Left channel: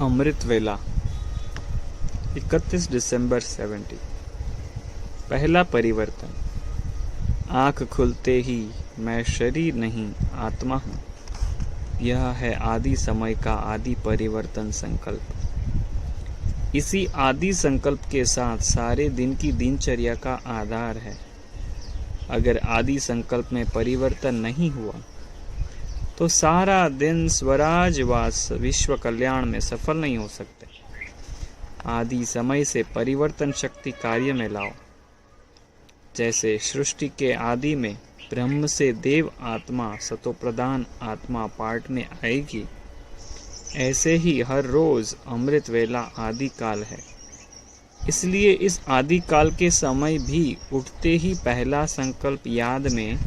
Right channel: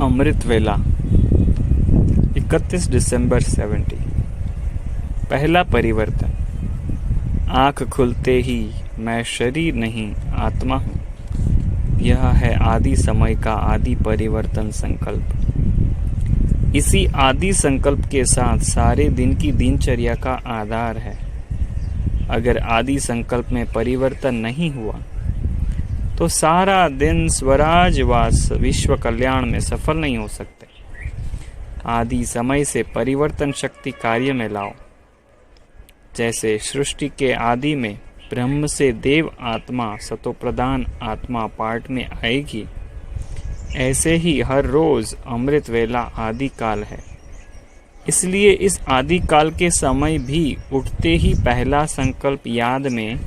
अमृत वेला 31 दिसंबर 70। पहला परिवर्तन। आँख खुलते ही मैं शरीर नहीं आत्मा हूँ। यह है आदि समय का आदि परिवर्तन संकल्प। इसी आदि संकल्प के साथ सारे दिन की दिनचर्या का आधार है। अगर आदि संकल्प में परिवर्तन नहीं हुआ तो सारा दिन स्वराज व विश्व कल्याण में सफल नहीं हो सकते। आदि समय से परिवर्तन शक्ति कार्य में लाओ। जैसे सृष्टि के आदि में ब्रह्म से देव आत्मा सतोप्रधान आत्मा पाठ में आएगी, ऐसे ही हर रोज अमृत वेला आदि काल है। इसलिए इस आदि काल के समय भी उठते ही पहला संकल्प याद में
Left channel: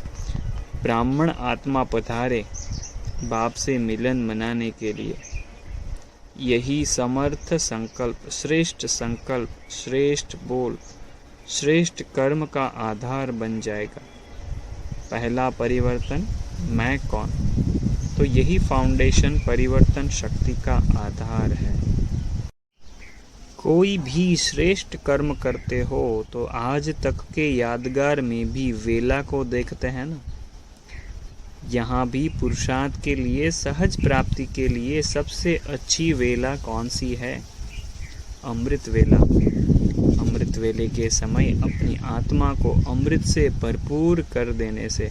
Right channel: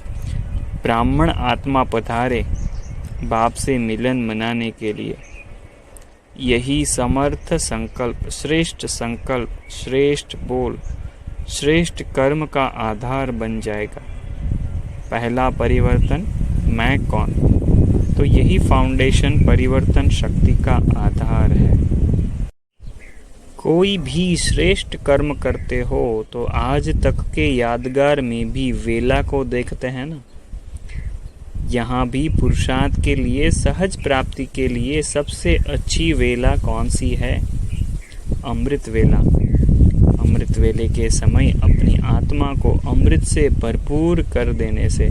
ब्राह्मण आत्मा पधारे बाप से मिलन मनाने के लिए। यही समर्थ संकल्प, श्रेष्ठ बोल, श्रेष्ठ कर्म का आधार बन जाएगा। पहला परिवर्तन, मैं कौन? तो यही फाउंडेशन परिवर्तन शक्ति का आधार है। कोई भी श्रेष्ठ कर्म करते हो तो आज तक के यादगार में भी वेला को देखते हैं ना। यहाँ भी पुरुषार्थ के लिए, सहज प्राप्ति के लिए सबसे अच्छी वेला कौन सी है? अमृत वेला। अमृत वेले के समय अपनी आत्मा को अमृत से भरपूर कर देने से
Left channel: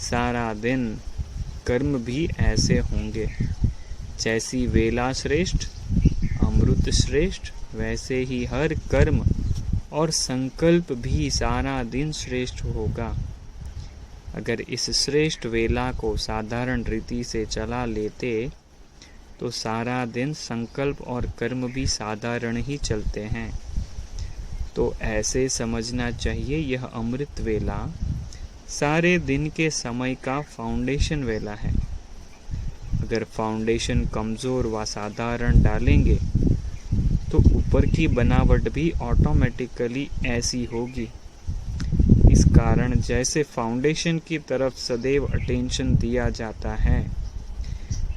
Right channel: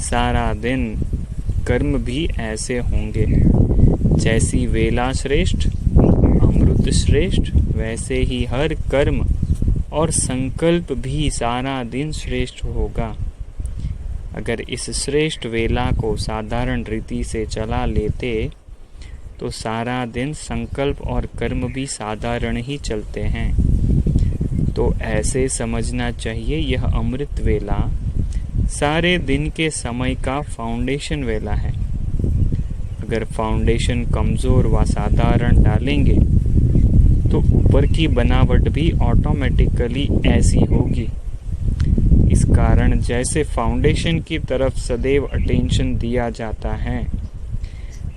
सारा दिन कर्म भी ऐसे होंगे। जैसी वेला श्रेष्ठ, अमृत श्रेष्ठ, वैसे ही हर कर्म और संकल्प भी सारा दिन श्रेष्ठ होगा। अगर इस श्रेष्ठ वेला को साधारण रीति से चला लेते तो सारा दिन संकल्प और कर्म भी साधारण ही चलते हैं। तो ऐसे समझना चाहिए यह अमृत वेला सारे दिन के समय का फाउंडेशन वेला है। अगर फाउंडेशन कमज़ोर व साधारण डालेंगे तो ऊपर की बनावट भी ऑटोमेटिकली ऐसी होगी। इस कारण जैसे फाउंडेशन की तरफ सदैव अटेंशन दिया जाता है,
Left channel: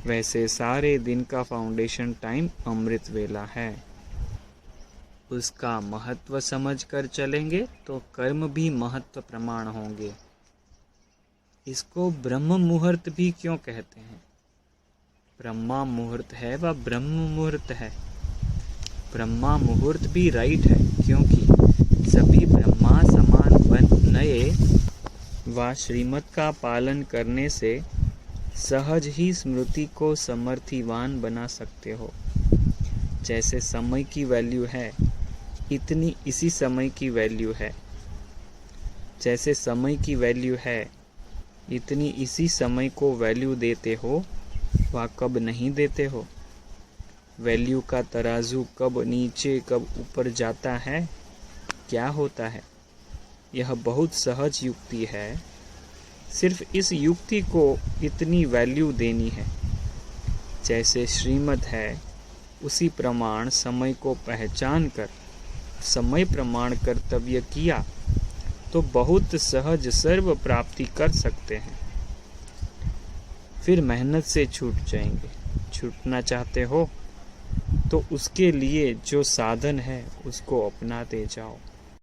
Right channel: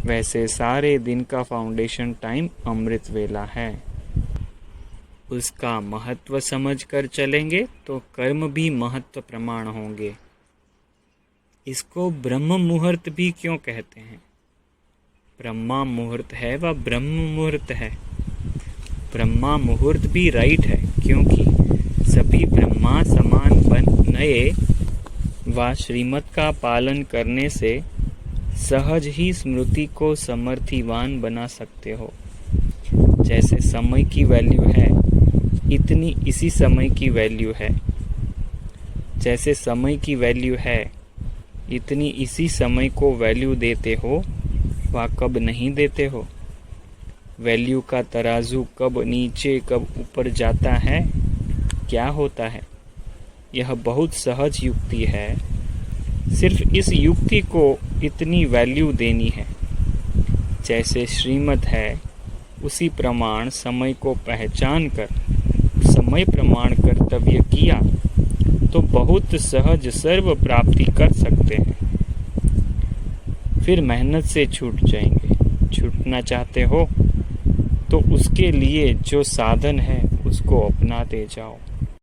वैसे सारे दिन का फाउंडेशन टाइम अमृत वेला है। उसका महत्व समझकर चलेंगे तो कर्म भी महत्व प्रमाण होंगे। इसको ब्रह्म मुहूर्त भी क्यों कहते हैं? ब्रह्मा मुहूर्त है व ब्रह्म मुहूर्त है। ब्रह्मा मुहूर्त भी राइट है क्योंकि सभी ब्रह्मा समान नए व श्रीमत का पालन करने से सहज ही स्मृति को समर्थिवान बना सकते हो। जैसे समय की वैल्यू है, इतनी इसी समय की वैल्यू है। जैसे समय की वैल्यू है, इतनी इसी समय को वैल्यू देते हो व कब नहीं देते हो। वैल्यू का तराजू कब नीचे कब ऊपर जाता है, क्या होता है? यह बहुत सहज युक्ति है। सिर्फ इस युक्ति को इतनी वैल्यू देनी है। जैसे श्रीमत है, उसी प्रमाण समय को पहचान कर समय प्रमाण कर्तव्य किया तो बहुत सहज सर्व प्राप्ति कर सकते हैं। फिर मेहनत से छूट जाएंगे। छूटना चाहते हो तो उसके लिए जो साधन है उसको अपनाते जाओ।